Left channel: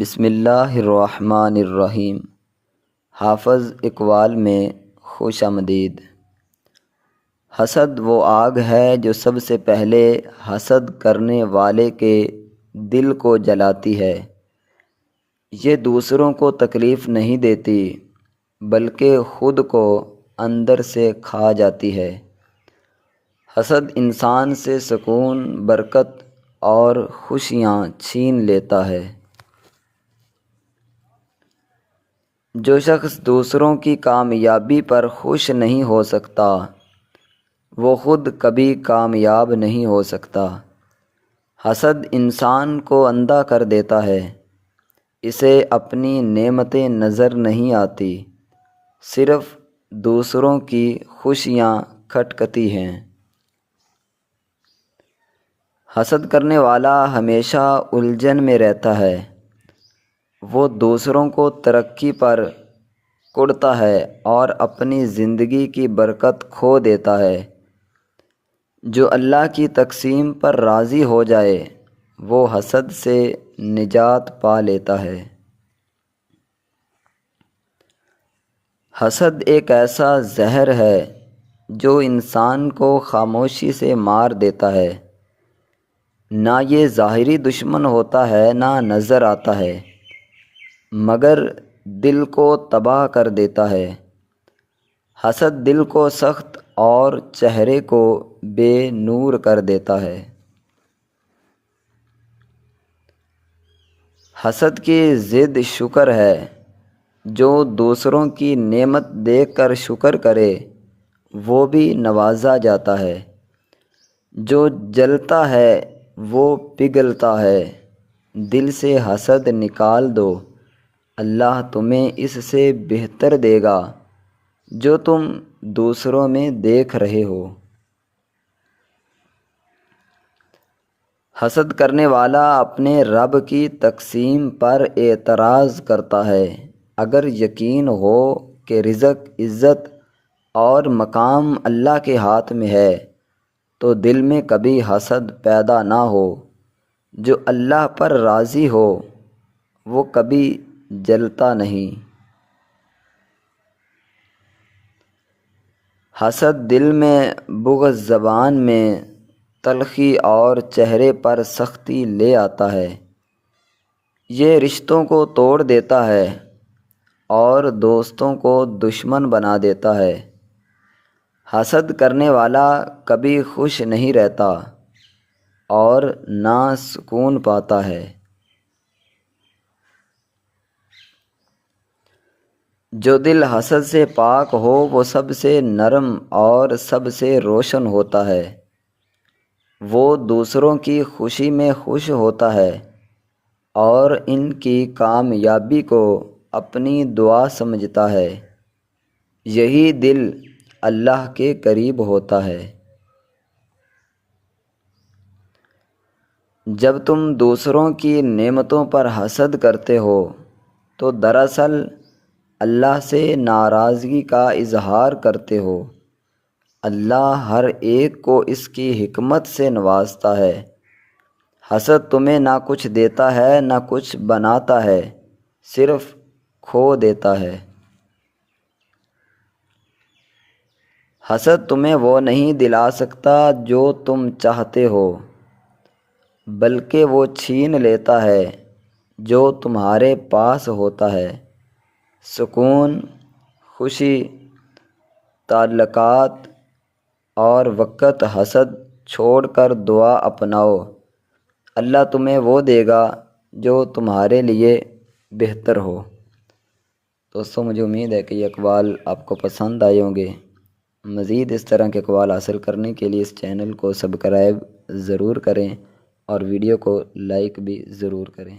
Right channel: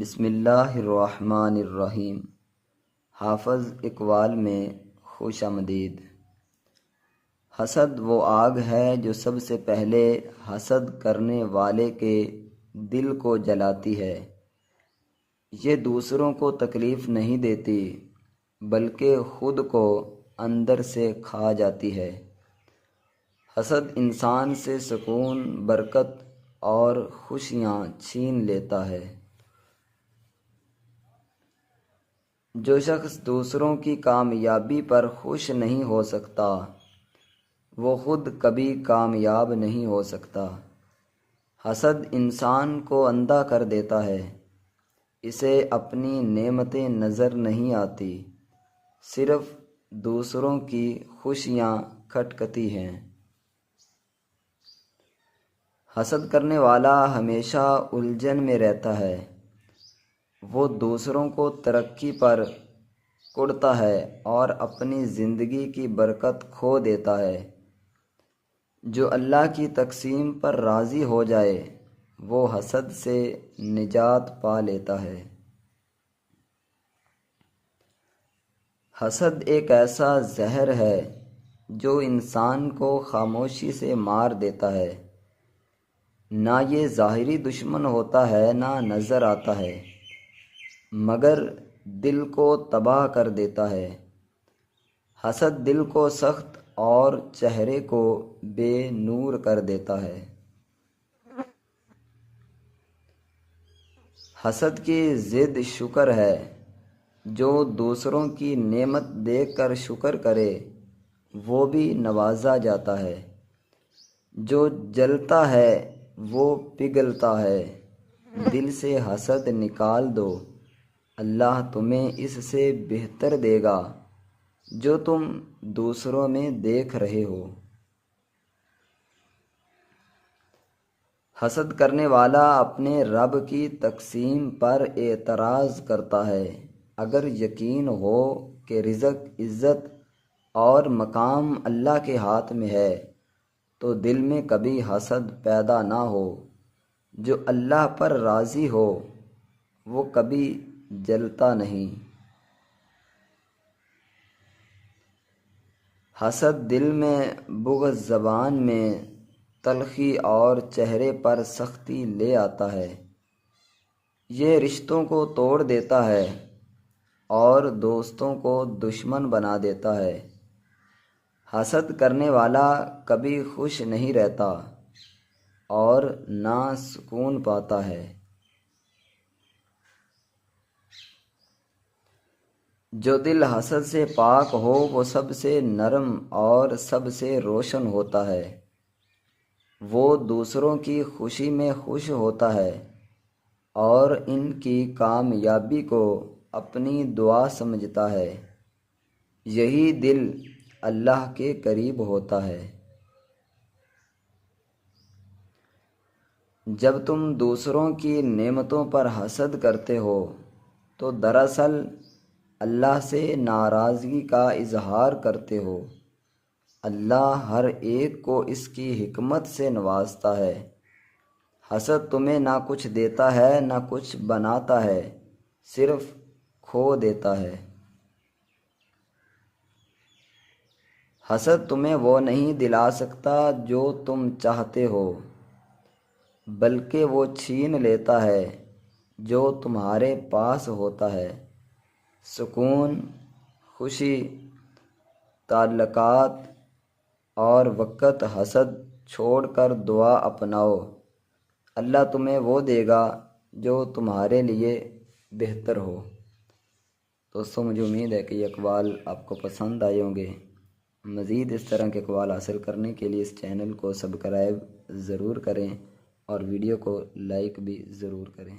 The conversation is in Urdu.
بسم اللہ الرحمن الرحیم۔ حافظ اقبال میں خوش آمدید۔ حسد وہ آگ ہے جو سب سے پہلے حسد کرنے والے کے دل کو جلاتی ہے۔ یہ دوسروں کو تکلیف نہیں دیتی بلکہ خود کو اندر سے کھا جاتی ہے۔ حسد انسان سے سکون، برکت اور خوشیاں چھین لیتا ہے۔ جو شخص دوسروں کی کامیابی پر خوش نہیں ہو سکتا وہ خود کبھی کامیاب نہیں ہو سکتا۔ حسد انسان کو اندھا کر دیتا ہے۔ اسے اپنی نعمتیں نظر نہیں آتی، صرف دوسروں کی خوشیاں کھٹکتی ہیں۔ حسد کرنے والا ہمیشہ الجھن میں رہتا ہے۔ وہ دوسروں کو ترقی پر کوڑتا ہے اور اپنی زندگی کی برکت کھو دیتا ہے۔ جو اللہ کی تقسیم پر راضی ہو جائے وہ حسد سے نجات پا لیتا ہے۔ حسد ایک ایسا زہر ہے جو انسان کو خاموشی سے مار دیتا ہے۔ نہ یہ ظاہری دشمن ہوتا ہے، نہ نظر آتا ہے، مگر دل کو تباہ کر دیتا ہے۔ حسد دل کو سخت اور چہرے کو بے نور کر دیتا ہے۔ حسد کی ضد شکر ہے۔ جو دوسروں کی نعمت دیکھ کر شکر کرے وہ بھی نوازا جاتا ہے۔ جو جلتا ہے وہ پگھلتا ہے۔ دل سے حسد نکال دو، اللہ تمہیں اس سے بہتر دے گا جو تم دوسروں میں دیکھ رہے ہو۔ حسد کرنے والا اپنے رب کی تقسیم پر اعتراض کرتا ہے۔ اگر یقین ہو کہ رزق، عزت اور مقام اللہ کے ہاتھ میں ہے تو دل میں کبھی حسد پیدا نہ ہو۔ جو اللہ پر راضی ہو وہ کبھی جلتا نہیں۔ حسد دل میں بغض، زبان میں تلخی اور چہرے پر سختی لے آتا ہے۔ یہ رشتوں کو توڑ دیتا ہے اور دوستوں کو دشمن بنا دیتا ہے۔ حسد کرنے والا کبھی خوش نہیں رہتا اور نہ سکون پاتا ہے۔ جو دل حسد سے پاک ہو وہ سب سے نرم اور سب سے روشن ہوتا ہے۔ وہ دوسروں کی خوشی میں خوش ہوتا ہے اور ان کی کامیابی کو اپنی دعا سمجھتا ہے۔ یہی دل اللہ کے قریب ہوتا ہے۔ جب تم دوسروں کی نعمتوں پر حسد کرتے ہو تو دراصل اللہ سے ناراضگی کا اظہار کرتے ہو۔ اللہ ہر ایک کو اس کی حکمت سے نوازتا ہے۔ حسد تمہیں نہ کچھ دیتا ہے نہ کچھ بناتا ہے، صرف کھو دیتا ہے۔ حسد تمہیں وہ نہیں دلا سکتا جو تم چاہتے ہو، بلکہ وہ چھین لیتا ہے جو تمہارے پاس ہوتا ہے۔ سکون، خوشی، تعلقات اور وقت حسد چھوڑ کر دعا اپناؤ، اللہ تمہیں وہ دے گا جو تمہارے لیے بہتر ہو۔ دوستوں، مجھے امید ہے کہ یہ اقوال آپ کو پسند آئے ہوں گے۔ مزید اس طرح کے اقوال حاصل کرنے کے لیے اس چینل کو سبسکرائب ضرور کریں اور ویڈیو کو لائک بھی ضرور کریں۔